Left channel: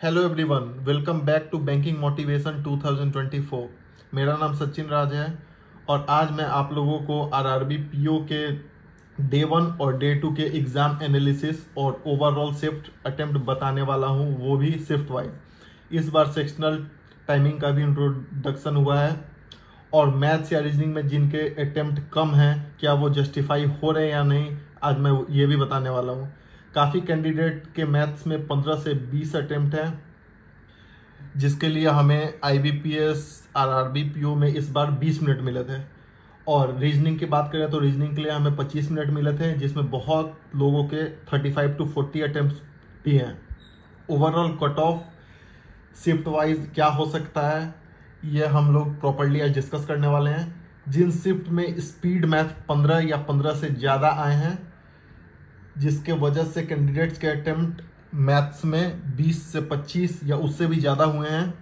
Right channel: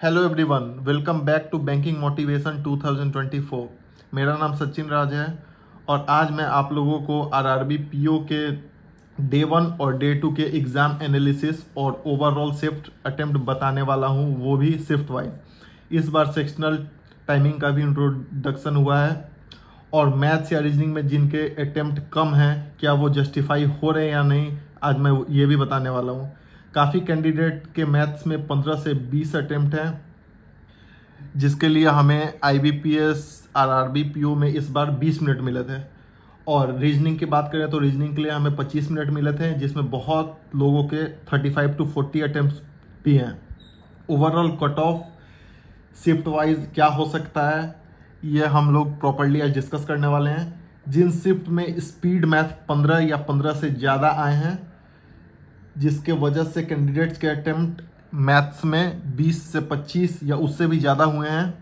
Hello everyone, welcome back to banking motivation 2024। मेरा नाम सचिन राज है और आज मैं आप लोगों को आरआरबी पीओ के डे 1 और डे 2 के एग्जाम एनालिसिस और ओवरऑल शिफ्ट अटेम्प्ट बताने वाला हूं, वो भी शिफ्ट वाइज। इस बार सेक्शनल टाइमिंग का भी इंट्रोडक्शन हुआ है और मैथ्स या रीजनिंग में जिनके अटेम्प्ट कम हैं क्या वो जस्टिफाई हो रहे हैं या नहीं, आज मैं ये भी बताने वाला हूँ। काफ़ी कैंडिडेट के मैथ्स में 15 से 20 अटेम्प्ट हैं, जिसके लिए हमें आईबीपीएस आरआरबी पीओ में इस बार 20 मिनट मिले थे। और रीजनिंग की बात करें तो रीजनिंग के लिए हमें 25 मिनट मिले थे, जिसमें बहुत लोगों के 35 to 40 अटेम्प्ट भी हैं। Overall cut off shift wise क्या हो सकता है, ये हम लोग प्रॉपर्ली आज डिस्कस करने वाले हैं। जिन शिफ्ट में स्पीड मैथ 15 या 15 से ज़्यादा आए हैं, जिसके वजह से कैंडिडेट्स के अटेम्प्ट मैथ्स में 20 से 25 या उससे भी ज़्यादा हुए हैं,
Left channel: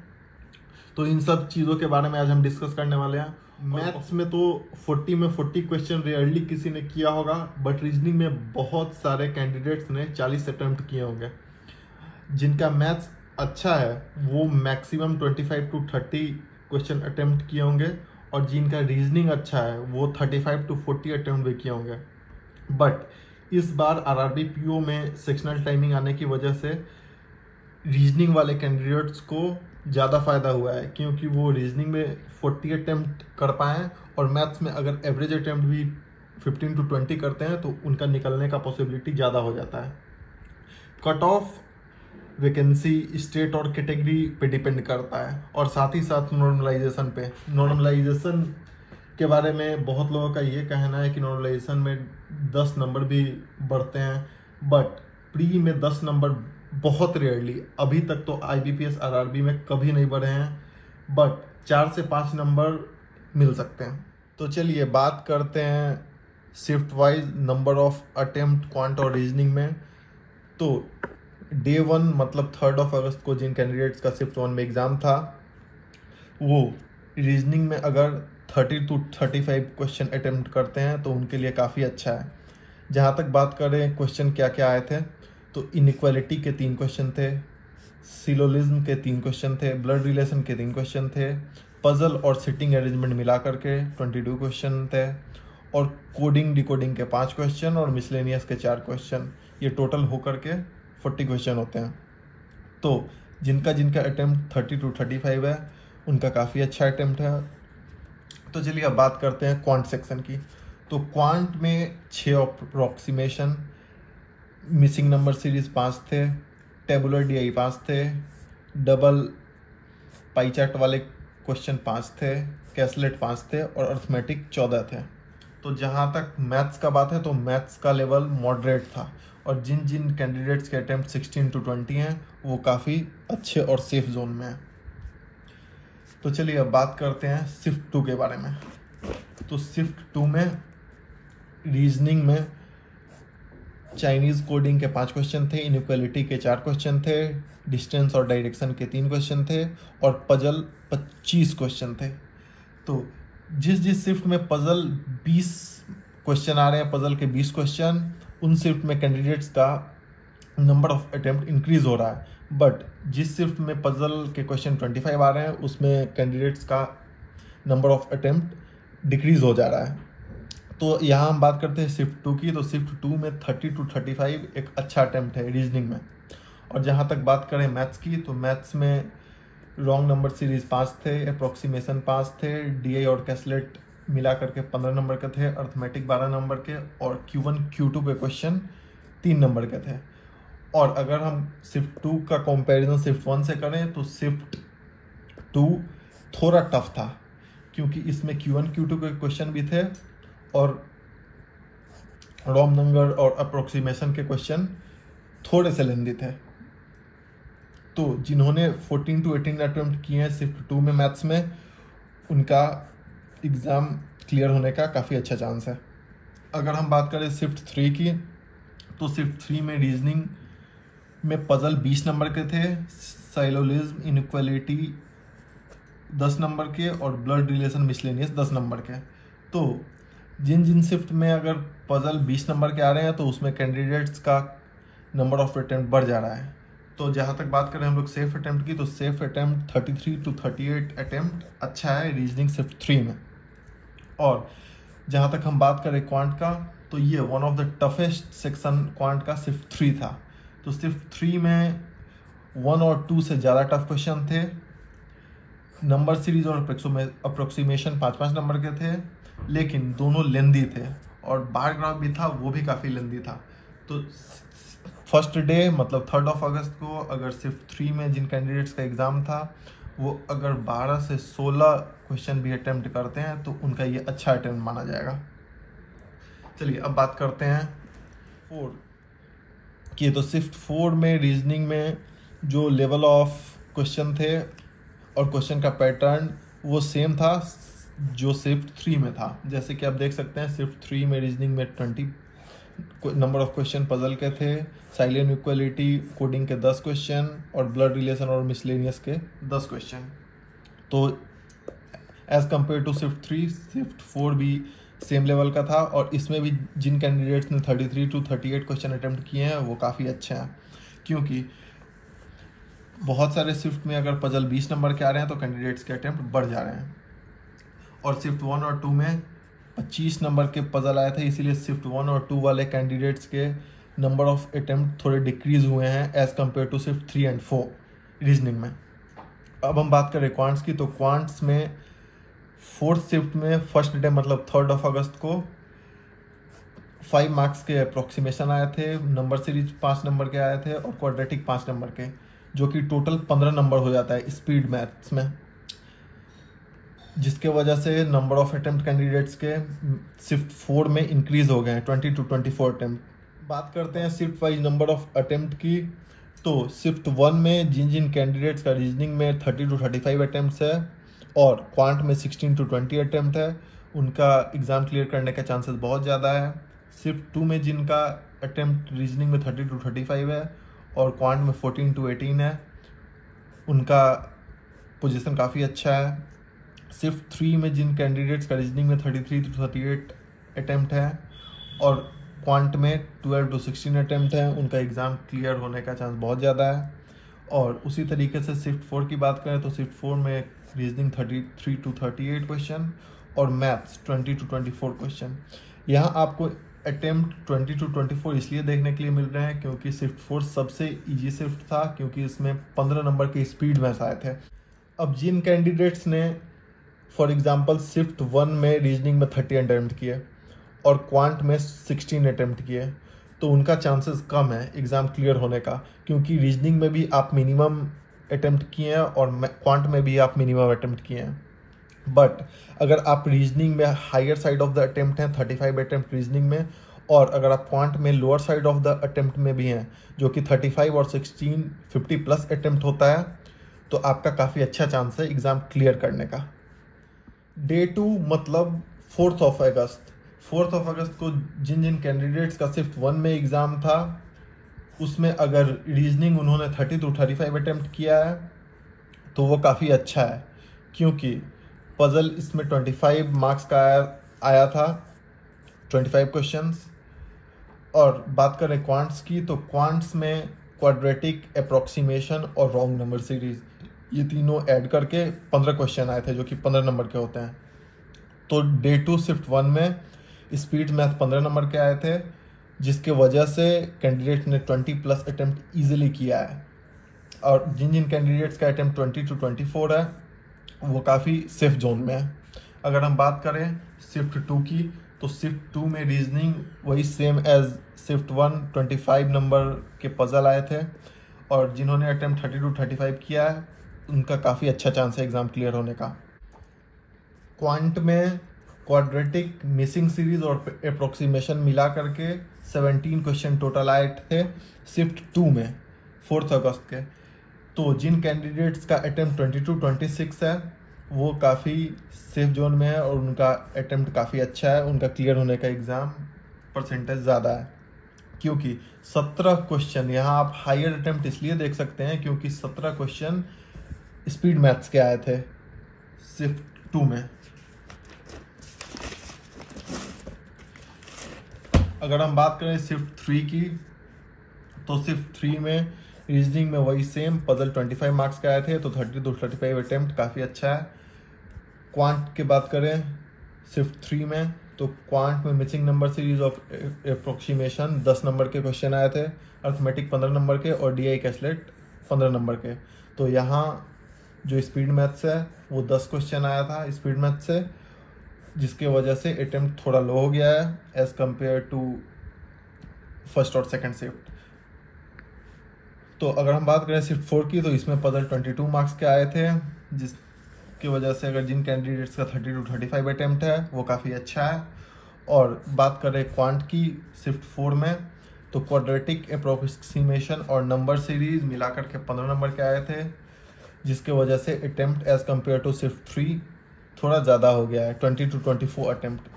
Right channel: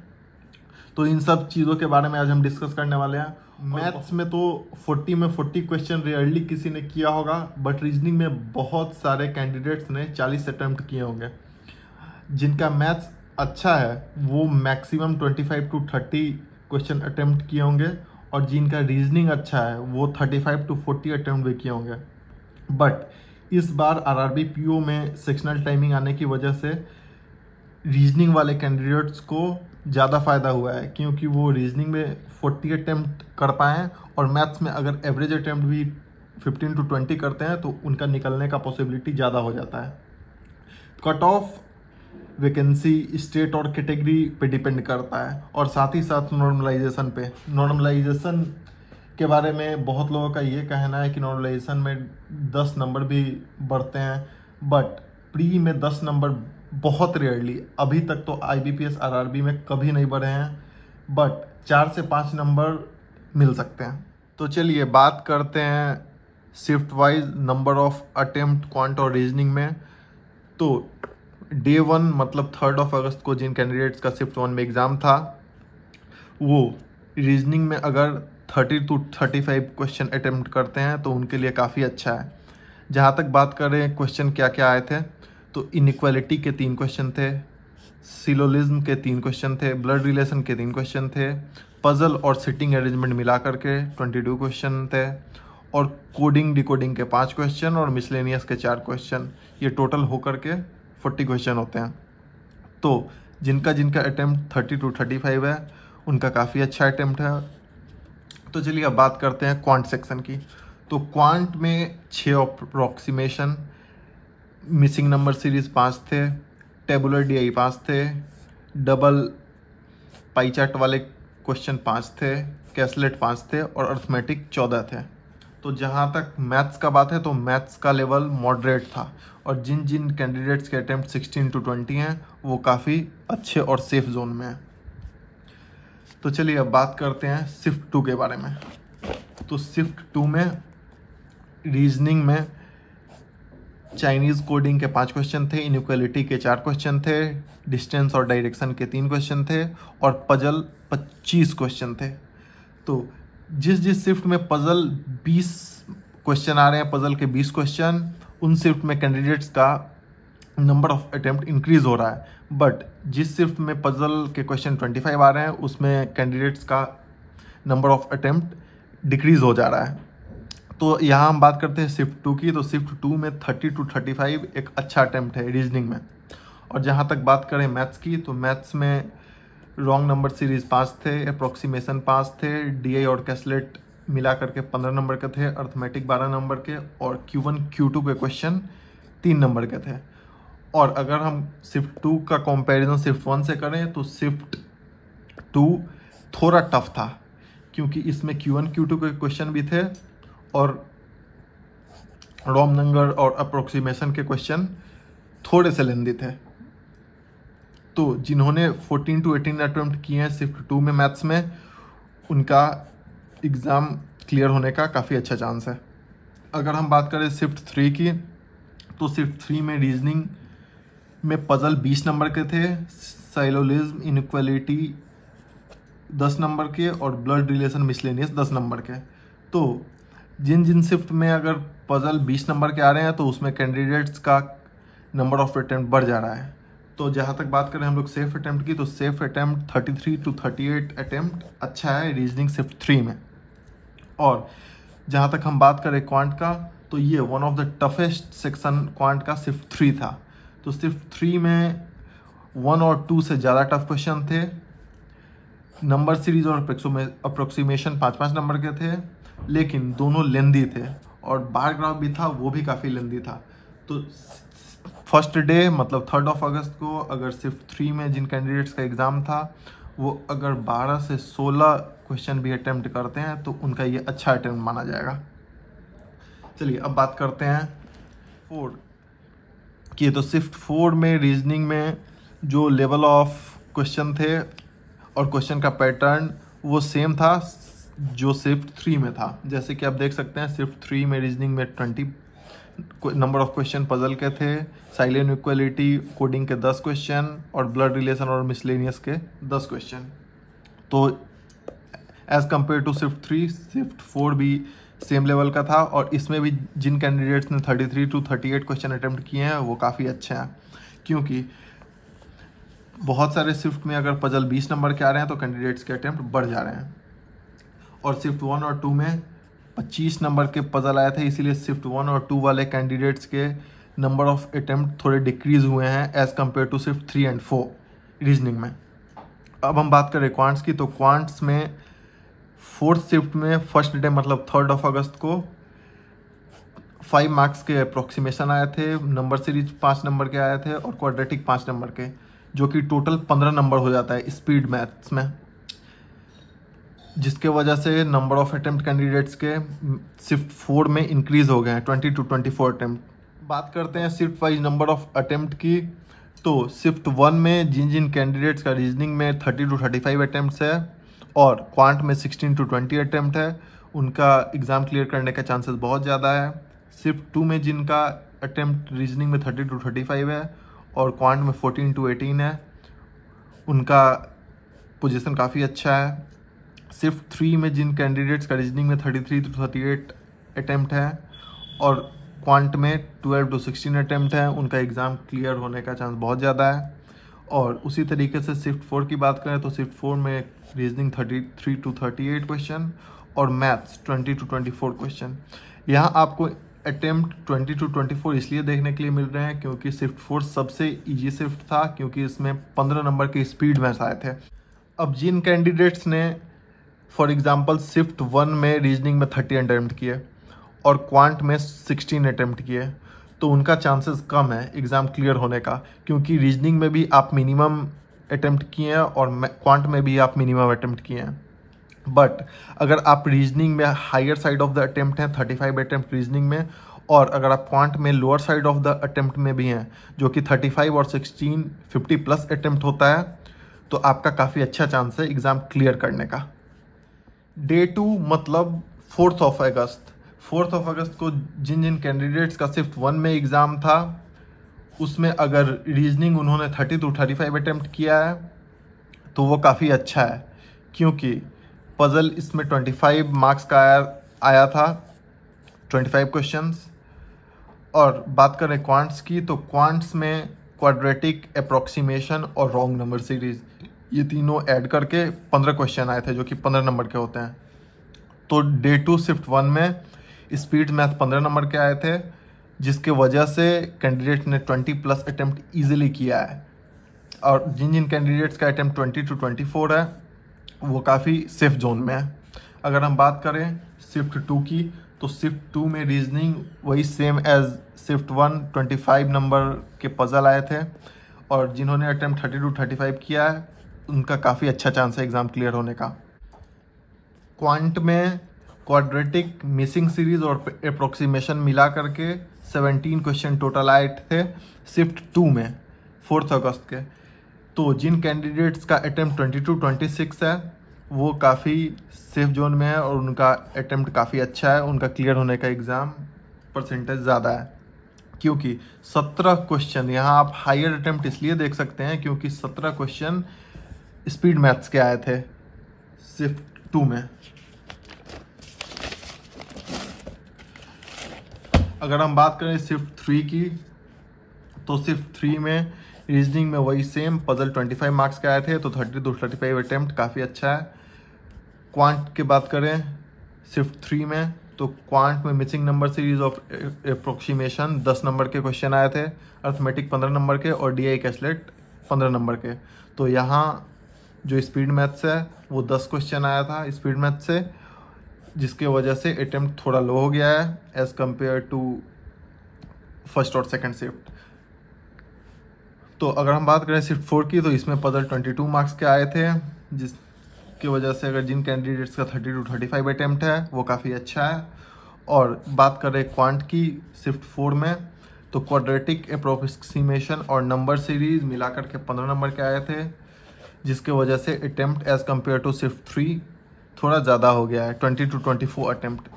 तो इन सब चीज़ों के बारे में आज हम डिस्कस करने वाले हैं। मैथ्स में तो 40 में 40 क्वेश्चन रेयरली किसी ने किया होगा, बट रीजनिंग में बहुत सारे कैंडिडेट्स ने 40 अटेम्प्ट किए होंगे। जिनका मैथ्स अच्छा है वो मैक्सिमम 25 to 30 क्वेश्चन अटेम्प्ट किए होंगे, और जिनका रीजनिंग अच्छा है वो 35 to 40 अटेम्प्ट भी किए होंगे। बट इस बार आरआरबी पीओ में सेक्शनल टाइमिंग आने की वजह से रीजनिंग वाले कैंडिडेट्स को ज़्यादा फायदा हुआ है, क्योंकि वो रीजनिंग में 40 अटेम्प्ट कर पाएँ और मैथ्स में अगर एवरेज अटेम्प्ट भी 15 to 20 करते हैं तो उनका निकलने का पॉसिबिलिटी ज़्यादा हो जाता है। कट ऑफ वैकेंसी स्टेट और कैटेगरी पे डिपेंड करता है, और साथ ही साथ नॉर्मलाइजेशन पे। नॉर्मलाइजेशन के बारे में बहुत लोगों का ये कहना है कि नॉर्मलाइजेशन में 10 नंबर भी बढ़ते हैं, बट प्री में 10 नंबर बहुत रेयरली, अभी तक तो आईबीपीएस आरआरबी में कभी नहीं बढ़े हैं, बट 4 से 5 नंबर मिल सकते हैं। तो चलिए बात करते हैं shift wise number of attempt quant और रीजनिंग में। तो डे 1 मतलब 3 अगस्त को जिन कैंडिडेट्स का शिफ्ट 1 में एग्ज़ाम था, वो रीजनिंग में अगर 30 to 35 क्वेश्चन अटेम्प्ट करते हैं तो उनके लिए काफ़ी अच्छा है। जहाँ तक बात करें क्वेश्चन क्या क्या आए थे, तो इनइक्वालिटी के 3 क्वेश्चन थे, सिलोलिज्म के 3 क्वेश्चन थे, ब्लड रिलेशन के 3 क्वेश्चन थे, पजल और सिटिंग अरेंजमेंट मिला करके 22 क्वेश्चन थे, और कोडिंग डिकोडिंग के 5 क्वेश्चन और मिसलेनियस के 4 क्वेश्चन। ये टोटल होकर के 40 क्वेश्चन होते हैं। तो जिनका जिनका अटेम्प्ट 30 to 35 है उनका काफ़ी अच्छा अटेम्प्ट है। तो चलिए अब बात करते हैं क्वांट सेक्शन की। तो क्वांट में 6 अप्रोक्सीमेशन, मिसिंग नंबर सीरीज 5 थे, टेबुलर डीआई 5 थे, डबल पाई चार्ट वाले क्वेश्चन 5 थे, कैसलेट 5 थे और अर्थमेटिक 14 थे। तो जहाँ तक मैथ्स का बात है तो मैथ्स का लेवल मॉडरेट था, और जिन जिन कैंडिडेट्स के अटेम्प्ट 16 to 20 हैं वो काफ़ी अच्छे और सेफ जोन में हैं। तो चलिए अब बात करते हैं शिफ्ट 2 के बारे में। तो शिफ्ट 2 में रीजनिंग में चाइनीज कोडिंग के 5 क्वेश्चन थे, इनइक्वालिटी के 4 क्वेश्चन थे, डिस्टेंस और डायरेक्शन के 3 क्वेश्चन थे, और पजल 25 क्वेश्चन थे। तो जिस जिस शिफ्ट में पजल 20 क्वेश्चन आ रहे हैं, पजल के 20 क्वेश्चन, उन शिफ्ट में कैंडिडेट्स का नंबर ऑफ अटेम्प्ट इंक्रीज हो रहा है। बट जिस शिफ्ट में पजल के क्वेश्चन 25 आ रहे हैं उसमें कैंडिडेट्स का नंबर ऑफ अटेम्प्ट डिक्रीज हो जा रहा है। तो यहाँ हम बात करते हैं शिफ्ट 2 की। तो शिफ्ट 2 में 30 to 35 एक अच्छा अटेम्प्ट है रीजनिंग में। और जहाँ तक बात करें मैथ्स की, तो मैथ्स में रॉन्ग नंबर सीरीज 5 थे, अप्रोक्सीमेशन 5 थे, डीआई और कैसलेट मिला करके 15 नंबर के थे, अर्थमेटिक 12 नंबर के, और Q1 Q2 के क्वेश्चन 3 नंबर के थे। और अगर हम शिफ्ट 2 का कंपैरिजन शिफ्ट 1 से करें तो शिफ्ट 2 थोड़ा टफ था, क्योंकि इसमें Q1 Q2 के क्वेश्चन भी थे और रॉन्ग नंबर और अप्रोक्सीमेशन के क्वेश्चन थोड़े से लेंदी थे। तो जिन्होंने 14 to 18 अटेम्प्ट किए हैं शिफ्ट 2 में मैथ्स में, उनका एग्ज़ाम क्लियर होने का काफ़ी अच्छा चांस है। अगर हम बात करें शिफ्ट 3 की, तो शिफ्ट 3 में रीजनिंग में पजल 20 नंबर के थे, साइलोलिज्म इनइक्वालिटी 10 नंबर के, और ब्लड रिलेशन मिसलेनियस 10 नंबर के। तो जिन जिन शिफ्ट में अगर पजल 20 नंबर के आ रहे हैं तो उसमें कैंडिडेट्स का नंबर ऑफ अटेम्प्ट बढ़ जा रहा है। तो जहाँ तक बात करें हम लोग सेफ अटेम्प्ट की, तो सेफ अटेम्प्ट 33 to 38 अटेम्प्ट अच्छा है रीजनिंग सिर्फ 3 में। और जहाँ तक हम बात करें क्वांट का, तो ये one of the toughest section quant का सिर्फ 3 था। तो सिर्फ 3 में 1 और 2 से ज़्यादा टफ क्वेश्चन थे। नंबर सीरीज और अप्रोक्सीमेशन 5-5 नंबर के थे, लेकिन दोनों लेंदी थे और बार ग्राफ भी था, वो भी काफ़ी लेंदी था। तो फर्स्ट डे मतलब 3 अगस्त को अगर सिर्फ 3 में जिन कैंडिडेट्स का एग्ज़ाम था वो अगर 12 से 16 क्वेश्चन भी अटेम्प्ट करते हैं तो उनका ये अच्छा अटेम्प्ट माना जाएगा। चलिए अब बात करते हैं 4 की। तो सिर्फ 4 में रीजनिंग में जो लेवल ऑफ क्वेश्चन थे और क्वेश्चन का पैटर्न वो सेम था जो सिर्फ 3 में था। जैसे कि आप देख सकते हैं सिर्फ 3 में रीजनिंग में 20 नंबर ऑफ क्वेश्चन पजल के थे, साइलेंट इक्वलिटी कोडिंग के 10 क्वेश्चन और ब्लड रिलेशन और मिसलेनियस के 10 क्वेश्चन। तो एज कंपेयर टू सिर्फ 3, सिर्फ 4 भी सेम लेवल का था। और इसमें भी जिन कैंडिडेट्स ने 33 to 38 क्वेश्चन अटेम्प्ट किए हैं वो काफ़ी अच्छे हैं, क्योंकि बहुत सारे शिफ्ट में अगर पजल 20 नंबर के आ रहे हैं तो कैंडिडेट्स के अटेम्प्ट बढ़ जा रहे हैं। और शिफ्ट 1 और 2 में 25 नंबर के पजल आए थे, इसीलिए शिफ्ट 1 और 2 वाले कैंडिडेट्स के नंबर ऑफ अटेम्प्ट थोड़े डिक्रीज हुए हैं एज कंपेयर टू सिर्फ 3 and 4 रीजनिंग में। अब हम बात करें क्वांट्स की, तो क्वांट्स में 4th शिफ्ट में फर्स्ट डे मतलब 3 अगस्त को 5 मार्क्स के अप्रोक्सीमेशन आए थे, नंबर सीरीज 5 नंबर के आए थे और क्वाड्रेटिक 5 नंबर के, जो कि टोटल 15 नंबर हो जाता है स्पीड मैथ्स में, जिसके वजह से नंबर ऑफ अटेम्प्ट कैंडिडेट्स के शिफ्ट 4 में इंक्रीज हो गए हैं 20 to 24 अटेम्प्ट। बात करते हैं shift wise number of attempt की, तो शिफ्ट 1 में जिन जिन कैंडिडेट्स का रीजनिंग में 30 to 35 अटेम्प्ट है और क्वांट में 16 to 20 अटेम्प्ट है, उनका एग्जाम क्लियर करने का चांसेस बहुत ज़्यादा है। शिफ्ट 2 में जिनका अटेम्प्ट रीजनिंग में 30 to 35 है और क्वांट में 14 to 18 है, उनका पोजीशन काफ़ी अच्छा है। शिफ्ट 3 में जिन कैंडिडेट्स का रीजनिंग में 33 to 38 अटेम्प्ट है और क्वांट में 12 to 16 अटेम्प्ट है, उनका एग्ज़ाम क्लियर होने का चांस बहुत ज़्यादा है। और उसी तरीके से शिफ्ट 4 की बात करें तो शिफ्ट 4 में रीजनिंग 33 to 38 क्वेश्चन और मैथ्स 20 to 24 क्वेश्चन। यहाँ आपको अटेम्प्ट 20 to 24 इसलिए देखने के लिए मिल रहे हैं क्योंकि शिफ्ट 4 सबसे इजी शिफ्ट था, क्योंकि इसमें 15 नंबर के स्पीड मैथ्स आए थे। अब जिन कैंडिडेट्स ने फॉर एग्जांपल शिफ्ट 1 में रीजनिंग में 30 अटेम्प्ट किए और क्वांट में 16 अटेम्प्ट किए, तो उनका चांसेस कम है एग्ज़ाम क्लियर होने का, क्योंकि रीजनिंग में भी आप मिनिमम अटेम्प्ट किए हैं और क्वांट में भी आप मिनिमम अटेम्प्ट किए हैं। बट अगर आप रीजनिंग में higher side of the attempt हैं 35 अटेम्प्ट रीजनिंग में, और अगर आप क्वांट में lower side of the attempt में भी हैं जो कि 35 और 16 50+ अटेम्प्ट होता है, तो आपका काफ़ी अच्छा चांस है एग्ज़ाम क्लियर करने का। डे 2 मतलब 4 अगस्त। 4 अगस्त को जिन जिन कैंडिडेट्स का सिर्फ 1 में एग्ज़ाम था, उसमें अगर रीजनिंग उन्होंने 30 to 35 अटेम्प्ट किया है तो वो काफ़ी अच्छा है, क्योंकि पजल इसमें 25 मार्क्स का आया था 25 क्वेश्चंस। और बात करें क्वांट्स की, तो क्वांट्स में क्वाड्रेटिक, अप्रोक्सीमेशन और रॉन्ग नंबर सीरीज, ये तीनों ऐड करके 15 क्वेश्चन आए थे जो कि 15 नंबर के होते हैं। तो डे 2 शिफ्ट 1 में स्पीड मैथ 15 नंबर के आए थे, जिसके वजह से कैंडिडेट ने 20+ अटेम्प्ट इजीली किया है। और जिन जिन कैंडिडेट्स का अटेम्प्ट 20 to 24 है वो काफ़ी सेफ जोन में है। अगर हम बात करें शिफ्ट 2 की, तो शिफ्ट 2 में रीजनिंग वही सेम एज शिफ्ट 1 25 नंबर के पजल आए थे, और जिन्होंने अटेम्प्ट 30 to 35 किया है उनका काफ़ी अच्छा चांस है एग्ज़ाम क्लियर होने का। क्वांट में क्वाड्रेटिक, मिसिंग सीरीज और अप्रोक्सीमेशन मिला करके 17 क्वेश्चन टोटल आए थे शिफ्ट 2 में 4 अगस्त के। तो जिन कैंडिडेट्स का अटेम्प्ट 20 to 26 है वो काफ़ी सेफ जोन में है और उनका अटेम्प्ट काफ़ी अच्छा है, उनका क्लियर होने का एग्ज़ाम परसेंटेज ज़्यादा है, क्योंकि 17 क्वेश्चन, यहाँ आप हायर अटेम्प्ट इसलिए देख सकते हैं क्योंकि 17 क्वेश्चन स्पीड मैथ्स के आए थे शिफ्ट 2 में। अगर हम बात करें शिफ्ट 3 की, तो शिफ्ट 3 में रीजनिंग में वही सेम पजल 25 मार्क्स के आए थे, तो 30 to 35 अटेम्प्ट काफ़ी अच्छा है। क्वांट की बात करें शिफ्ट 3 में, तो क्वांट में missing number series of approximation 10 number के क्वेश्चन आए थे, अर्थमेटिक 15 नंबर के और DI कैलकुलेट 15 नंबर के। तो यहाँ जो स्पीड मैथ्स है वो 10 क्वेश्चन आया था स्पीड मैथ से, जिसके वजह से अटेम्प्ट थोड़ा लो हो गया है एज कम्पेयर टू फर्स्ट और सेकंड शिफ्ट। तो अगर हम बात करें शिफ्ट 4 की, तो इसमें पजल 22 मार्क्स के आए थे, जिसकी वजह से अगर जिन कैंडिडेट्स का 30 to 35 अटेम्प्ट है वो काफ़ी अच्छा है। और बात करें क्वांट की शिफ्ट 4 में, तो क्वाड्रेटिक अप्रोक्सीमेशन और नंबर सीरीज मिलाकर के 15 नंबर के आए थे, जिसके वजह से attempt as compare to shift 3 थोड़ा ज़्यादा हो गया है, 20 to 24 अटेम्प्ट।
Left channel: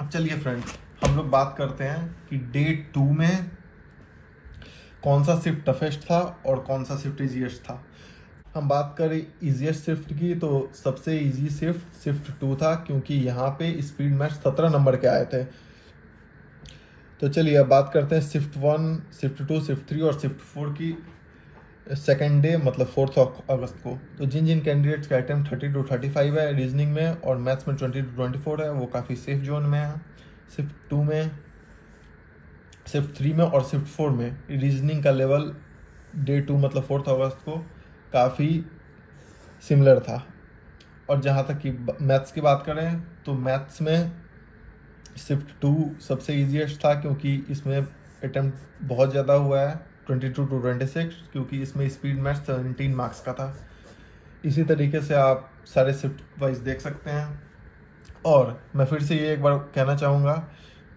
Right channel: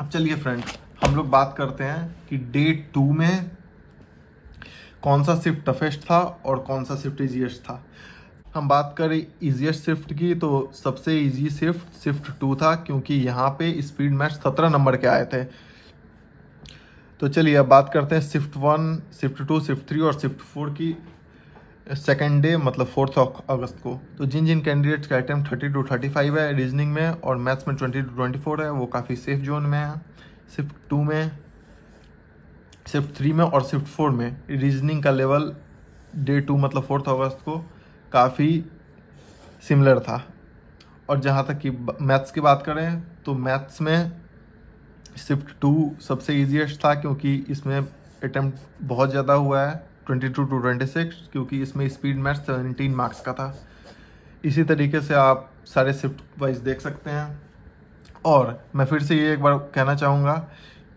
अब चलिए फ्रेंड्स, हम लोग बात करते हैं कि डे 2 में कौन सा शिफ्ट टफेस्ट था और कौन सा शिफ्ट इजीएस्ट था। हम बात करें इजीएस्ट शिफ्ट की, तो सबसे इजी शिफ्ट 2 था, क्योंकि यहाँ पे स्पीड मैथ्स 17 नंबर के आए थे। तो चलिए अब बात करते हैं शिफ्ट 1, शिफ्ट 2, शिफ्ट 3 और शिफ्ट 4 की सेकेंड डे, मतलब 4 अगस्त को। तो जिन जिन कैंडिडेट्स का अटेम्प्ट 30 to 35 है रीजनिंग में और मैथ्स में 20 to 24 है, वो काफ़ी सेफ जोन में है। शिफ्ट 2 में, शिफ्ट 3 में और शिफ्ट 4 में रीजनिंग का लेवल डे 2 मतलब 4 अगस्त को काफ़ी सिमिलर था। और जहाँ तक कि मैथ्स की बात करें, तो मैथ्स में शिफ्ट 2 सबसे ईजीएस्ट था, क्योंकि इसमें अटेम्प्ट बहुत ज़्यादा हुआ है 22 to 26, क्योंकि इसमें स्पीड मैथ्स 17 मार्क्स का था। इसी तरीके से आप सारे शिफ्ट वाइज देख सकते हैं। और मैं फिर से ये एक बार कहना चाहूँगा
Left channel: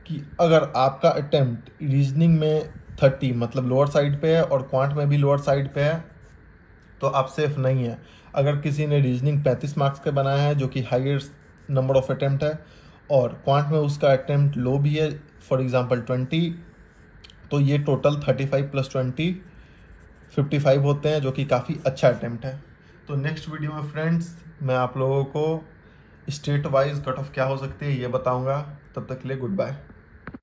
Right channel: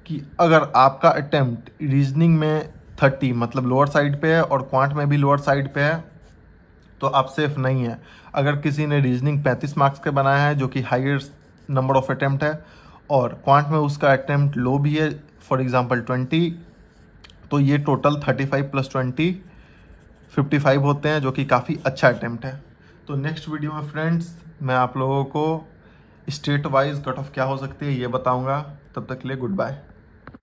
कि अगर आपका अटेम्प्ट रीजनिंग में 30 मतलब लोअर साइड पे है और क्वांट में भी लोअर साइड पे है, तो आप सेफ नहीं है। अगर किसी ने रीजनिंग 35 मार्क्स के बनाया है, जो कि हाईएस्ट नंबर ऑफ अटेम्प्ट है, और क्वांट में उसका अटेम्प्ट लो भी है, फॉर एग्जांपल 20, तो ये टोटल 35 + 20 55 होते हैं, जो कि काफ़ी अच्छा अटेम्प्ट है। तो नेक्स्ट वीडियो में फ्रेंड्स मैं आप लोगों को स्टेट वाइज कट ऑफ क्या हो सकती है ये बताऊंगा। तब तक के लिए गुड बाय।